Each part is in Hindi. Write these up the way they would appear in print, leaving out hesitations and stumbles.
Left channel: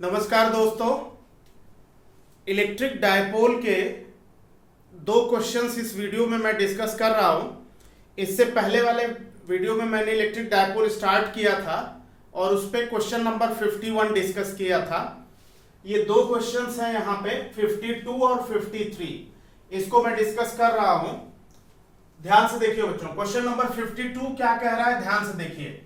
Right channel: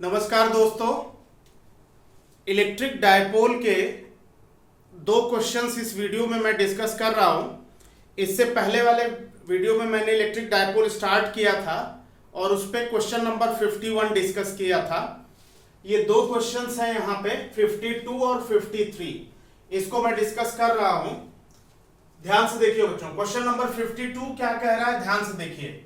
नमस्कार दोस्तों, इलेक्ट्रिक डायपोल के दो क्वेश्चंस इस वीडियो में मैं डिस्कस कर रहा हूं। इससे पहले वाले वीडियो में मैंने इलेक्ट्रिक डायपोल स्टार्ट किया था और उस पर क्वेश्चन नंबर 51 डिस्कस किया था। ये दो क्वेश्चंस हैं यहाँ पे 52 और 53, इसको मैं डिस्कस कर रहा हूं। ध्यान से देखिए बच्चों, क्वेश्चन नंबर 52 क्या कह रहा है, ध्यान से देखिए।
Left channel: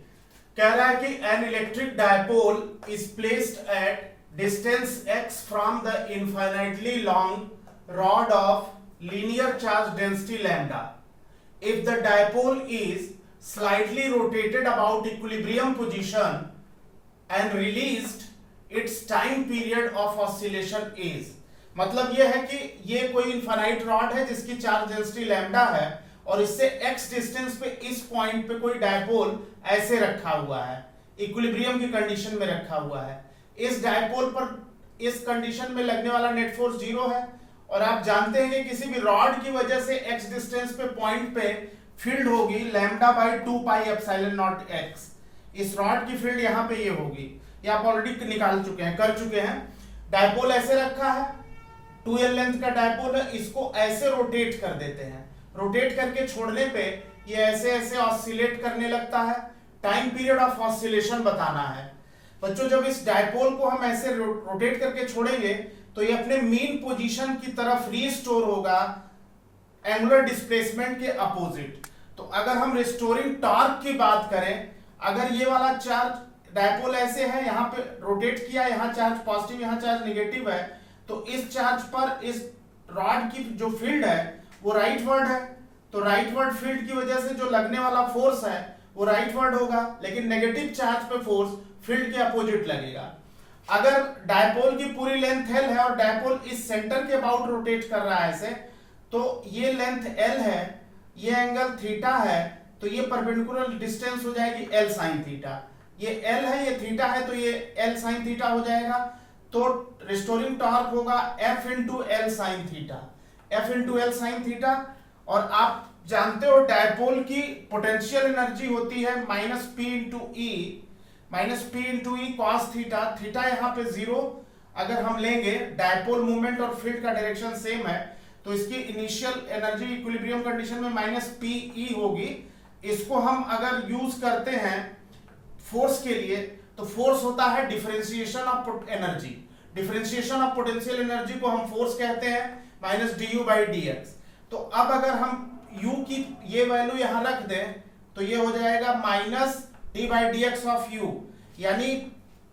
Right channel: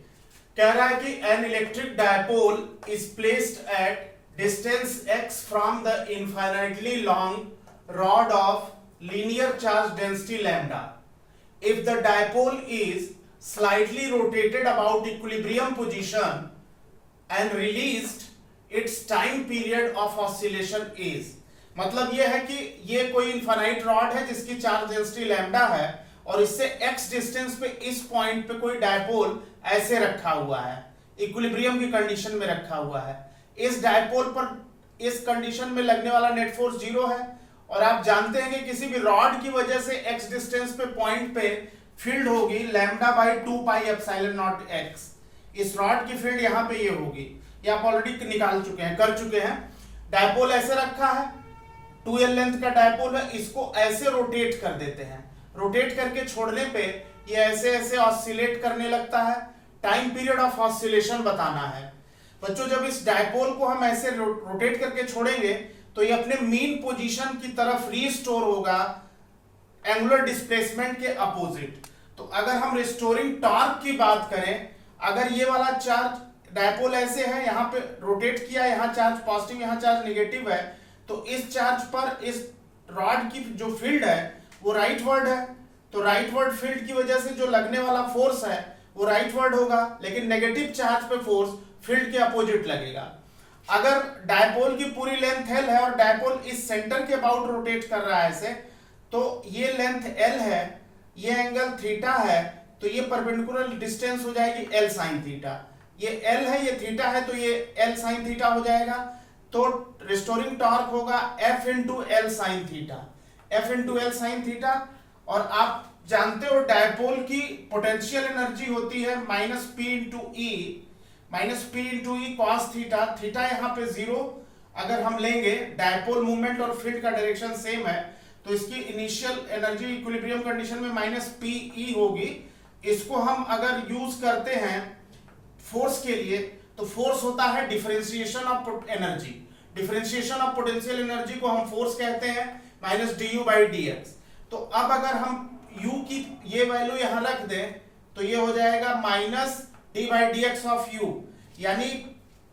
कह रहा है कि an electric dipole is placed at distance x from the infinitely long rod of linear charge density lambda. If the dipole is slightly rotated about equilibrium position and released it's time period of oscillation is. मतलब यह है कि ये कोई इनफाइनाइट रॉड है जिसकी चार्ज डेंसिटी लैम्डा है और इससे x डिस्टेंस पे इस पॉइंट पे कोई डायपोल ऐसे रखा हुआ है, इक्विलिब्रियम की कंडीशन में रखा हुआ है। इस डायपोल पर इस कंडीशन में लगने वाला नेट फोर्स 0 है और आप जानते हैं कि किसी भी रॉड की वजह से x डिस्टेंस पे पॉइंट पे फील्ड होगी lambda by 2 pi epsilon not x। इस रॉड की फील्ड यहाँ पे ये होगी, ये आप ऑलरेडी निकाल चुके हैं, कर चुके हैं। डायपोल ऐसे रखा है, 2l लेंथ का डायपोल है, इसको ऐसे रोटेट कर देते हैं। रोटेट करके छोड़ने पे ये ऐसे ऐसे ऑसिलेट करने लगता है। टाइम पीरियड ऑफ ऑसिलेशन बताना है बच्चों। जब इस डायपोल को हम ऐसे रोटेट करके छोड़ेंगे तो ये अपने मीन पोजीशन की तरफ रीस्टोर होगा एंगुलर डिस्प्लेसमेंट के अपोजिट। तो अगर हम रिस्टोरिंग टॉर्क की बात करें, अगर ये वाला चार्ज डायपोल ऐसे है, यहाँ पे रोटेट किया, यहाँ चार्ज पॉजिटिव, यहाँ चार्ज नेगेटिव है, तो इस चार्ज पर इस रॉड की जो फील्ड है वो राइटवर्ड है, तो राइटवर्ड फील्ड की वजह से जो लगने वाला फोर्स है वो राइटवर्ड होगा, लेकिन नेगेटिव चार्ज पे फोर्स फील्ड के अपोजिट लगेगा। अगर डायपोल की पूरी लेंथ l है और डायपोल इस सेंटर के अबाउट रोटेट कर रहा है ऐसे, तो ये लेंथ l है, ये एंगल थीटा है, तो ये परपेंडिकुलर डिस्टेंस हो जाएगी l sin थीटा। ये l है, ये थीटा है, तो ये l sin थीटा हो जाएगा। तो रिस्टोरिंग टॉर्क होगा F into L sine theta, F into L sine theta. और आप जानते हो डायपोल की पोटेंशियल एनर्जी होती है minus P into E cos theta. Theta यहाँ पे 0 अगर हम लेंगे, डायपोल मूवमेंट और फील्ड का डायरेक्शन सेम है, तो इसकी इनिशियल एनर्जी इक्विलिब्रियम कंडीशन में माइनस पी ई होगी। इसको हम अगर यूज करते हैं फोर्स के लिए, तो फोर्स होता है differentiation of energy. Differentiation of potential energy को हम फोर्स कहते हैं, minus D you by D x. तो अब अगर हम u की ये वैल्यू यहां रख दें तो ये हो जाएगा minus D by D x of u, यानी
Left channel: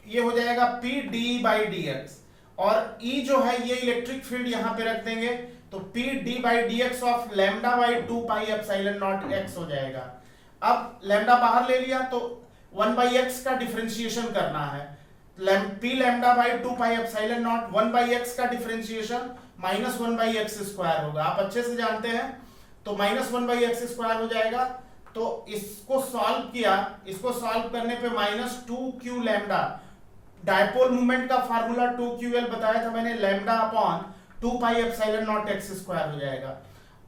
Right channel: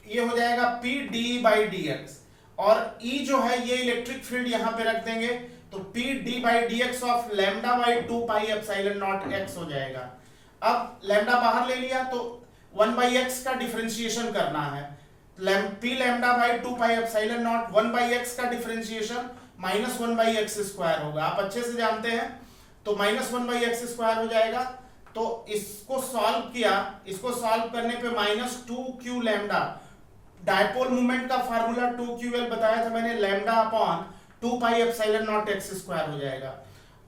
ये हो जाएगा p D by D x. और e जो है ये इलेक्ट्रिक फील्ड यहां पे रख देंगे तो p D by D x of lambda by 2 pi epsilon not x हो जाएगा। अब लैम्डा बाहर ले लिया तो 1 बाई x का डिफरेंशिएशन करना है, p lambda by 2 pi epsilon not 1 by x का differentiation minus 1 by x square होगा, आप अच्छे से जानते हैं। तो माइनस 1 बाई एक्स स्क्वायर हो जाएगा। तो इसको सॉल्व किया, इसको सॉल्व करने पे minus 2q lambda, dipole movement का फार्मूला 2ql बताया था मैंने, lambda upon 2 pi epsilon not x square हो जाएगा।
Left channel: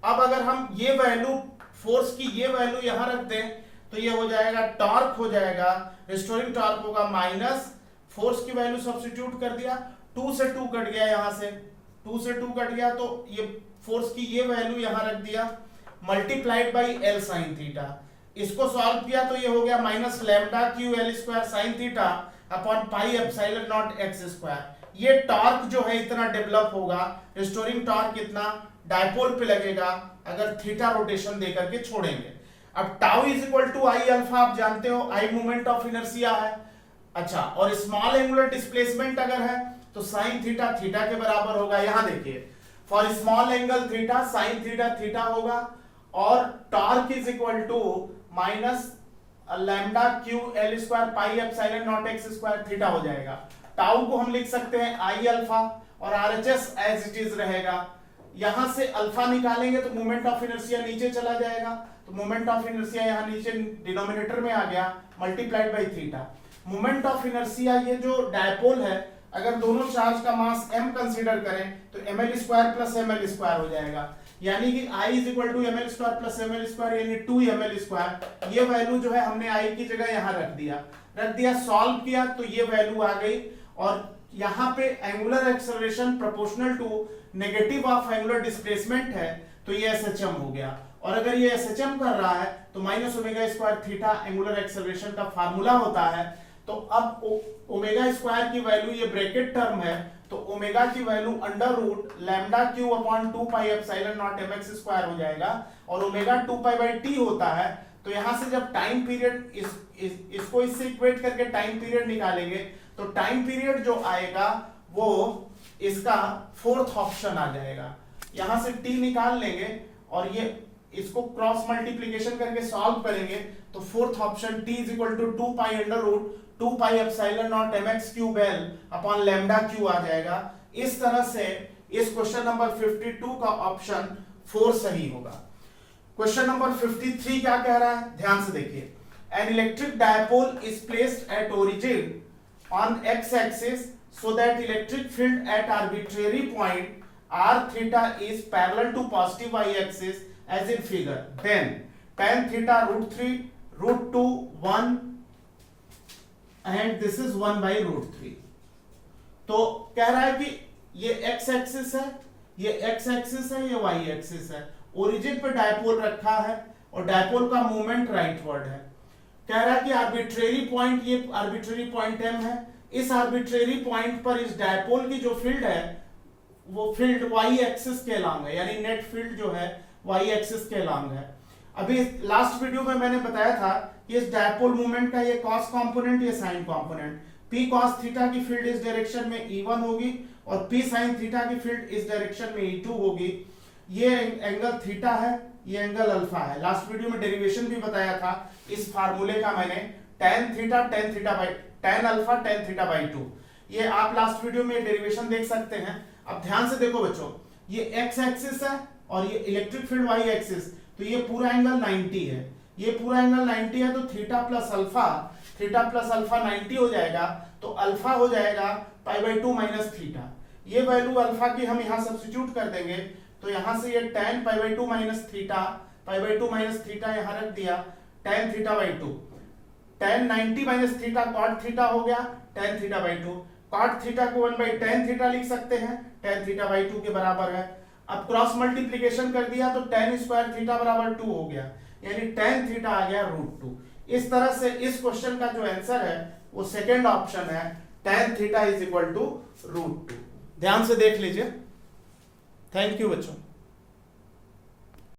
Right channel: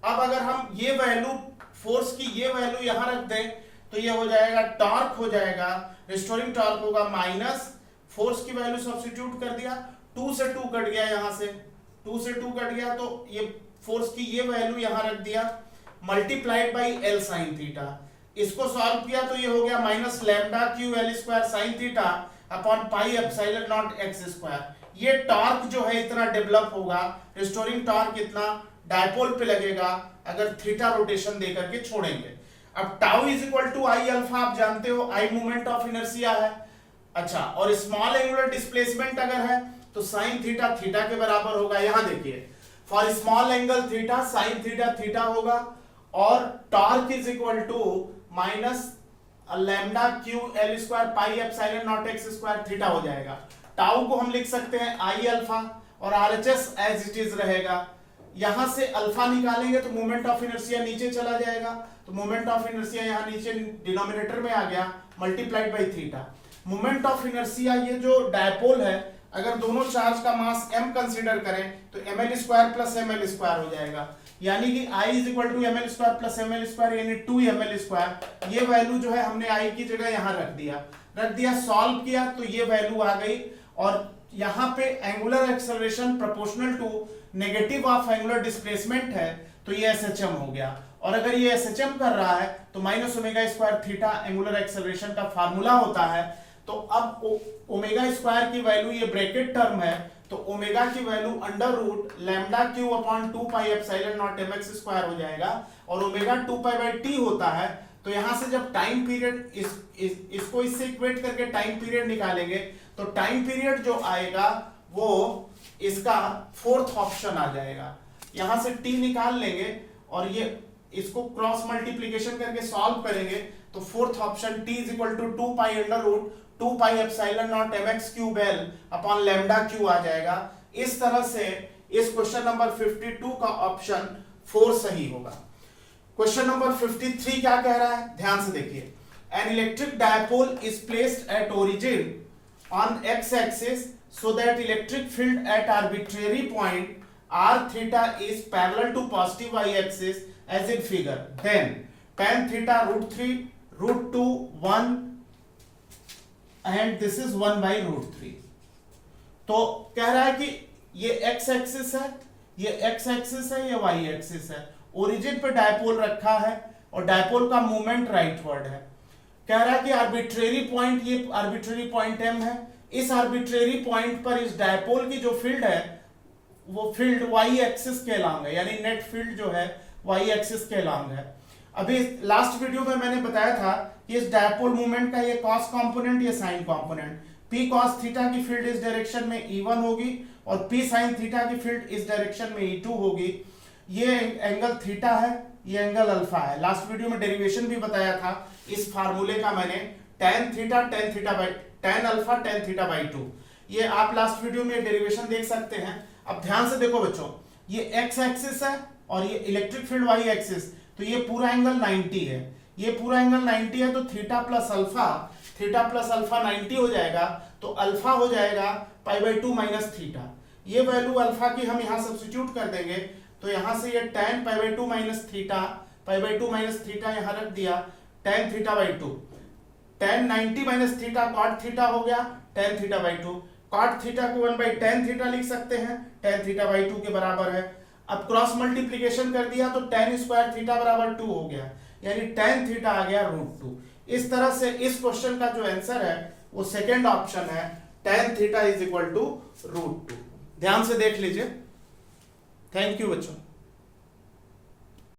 अब अगर हम ये वैल्यू फोर्स की ये वैल्यू यहां रख दें तो ये हो जाएगा टॉर्क हो जाएगा, रिस्टोरिंग टॉर्क होगा माइनस फोर्स की वैल्यू सब्स्टिट्यूट कर दिया, 2 से 2 कट गया, यहां से 2 से 2 कट गया, तो ये फोर्स की ये वैल्यू यहां रख दिया multiplied by L sine theta. इसको सॉल्व किया तो ये हो गया minus lambda Q L square sine theta upon pi epsilon naught X square. ये टॉर्क जो है इतना डेवलप होगा, रिस्टोरिंग टॉर्क इतना डायपोल पे लगेगा अगर थीटा रोटेशन दे करके छोड़ेंगे। अब tau is equal to I alpha, आप जानते हो आई मोमेंट ऑफ इनर्शिया है। अच्छा, और स्मॉल एंगुलर डिस्प्लेसमेंट अगर है तो साइन थीटा थीटा के बराबर होगा। यहां देखिए, for small angle theta sine theta theta होगा और torque is equal to minus lambda Q L square pi epsilon naught X square theta हो जाएगा। टाउ को हम लिख सकते हैं आई अल्फा और आरएचएस एज इट इज रहेगा। यहां से अल्फा निकालेंगे तो मोमेंट ऑफ इनर्शिया नीचे चला जाएगा, तो मोमेंट ऑफ इनर्शिया यहां नीचे डिनोमिनेटर में आ गया multiplied by theta. Moment of inertia ये जो डायपोल है, अगर दोनों चार्ज का मास m कंसीडर करें तो ml square plus ml square हो जाएगा, यानी कि I is equal to ml square plus ml square यानी 2ml स्क्वायर। ये वैल्यू जो है हमने I की जगह यहां रख दिया, सॉल्व किया तो ये वैल्यू आ गई और यहाँ पे angular acceleration proportional to negative of angular displacement है, तो ये SHM हो गया। और अगर ये SHM कर रहा है तो minus omega square theta angular acceleration का फार्मूला होता है। तो अब ओमेगा स्क्वायर की वैल्यू, ये ब्रैकेट टर्म है, तो ओमेगा की value under root lambda Q upon 2 pi epsilon not mx square हो जाएगा, और ओमेगा 2 पाई बाई टी होता है। तो यहां से जब टाइम पीरियड इसको इससे इक्वेट करके टाइम पीरियड निकालेंगे, तो टाइम पीरियड जो आएगा वो इसका फोर्थ ऑप्शन आ जाएगा। यहां से t निकाल लेंगे और ये इसको क्रॉस मल्टीप्लीकेशन करके सॉल्व करेंगे, तो fourth option t is equal to 2 pi under root 2 pi epsilon not mx cube L upon lambda Q आ जाएगा। इस तरह से इस क्वेश्चन नंबर 52 का ऑप्शन 4 सही होगा। क्वेश्चन नंबर 53 क्या कह रहा है, ध्यान से देखिए। An electric dipole is placed at origin on x axis so that electric field at arbitrary point r theta is parallel to positive y axis as in figure, then tan theta root 3 root 2 1 and this is 1 by root 3। तो कह रहा है कि ये x एक्सिस है, ये x एक्सिस है, ये y एक्सिस है, ओरिजिन पे डायपोल रखा है और डायपोल का मूवमेंट राइटवर्ड है। कह रहा है कि आर्बिट्रेरी पॉइंट, ये आर्बिट्रेरी पॉइंट m है, इस आर्बिट्रेरी पॉइंट पर इस डायपोल की जो फील्ड है वो फील्ड y एक्सिस के लॉन्ग है, यानी नेट फील्ड जो है y एक्सिस के लॉन्ग है। अभी लास्ट वीडियो में मैंने बताया था कि इस डायपोल मूवमेंट का ये कॉस कंपोनेंट, ये sign component, p cos theta की फील्ड इस डायरेक्शन में E1 होगी और p sin थीटा की फील्ड इस डायरेक्शन में E2 होगी। ये एंगल थीटा है, ये एंगल अल्फा है। लास्ट वीडियो में डेरिवेशन भी बताया था इस फार्मूले का मैंने, tan theta by tan alpha tan theta by 2। ये आप लास्ट वीडियो में डेरिवेशन देख सकते हैं। अब ध्यान से देखो बच्चों, ये x एक्सिस है और ये इलेक्ट्रिक फील्ड y एक्सिस, तो ये पूरा एंगल 90 है, ये पूरा एंगल 90 है, तो थीटा प्लस अल्फा 90 हो जाएगा, तो अल्फा हो जाएगा पाई बाई 2 माइनस थीटा। ये वैल्यू अल्फा की हम यहाँ सब्स्टिट्यूट कर देंगे, तो यहाँ से ये tan pi by 2 minus theta यहाँ रख दिया, tan theta by 2, tan 90 minus theta cot theta हो गया tan theta by 2, cot theta को 1 बाई tan थीटा लिख सकते हैं, tan थीटा बाई 2 के बराबर है। अब क्रॉस मल्टीप्लिकेशन कर दिया तो tan स्क्वायर थीटा बराबर 2 हो गया, यानी tan थीटा आ गया रूट 2। इस तरह से इस क्वेश्चन का जो आंसर है वो सेकेंड ऑप्शन है, tan theta is equal to root 2। ध्यान से देख लीजिए। थैंक यू बच्चों।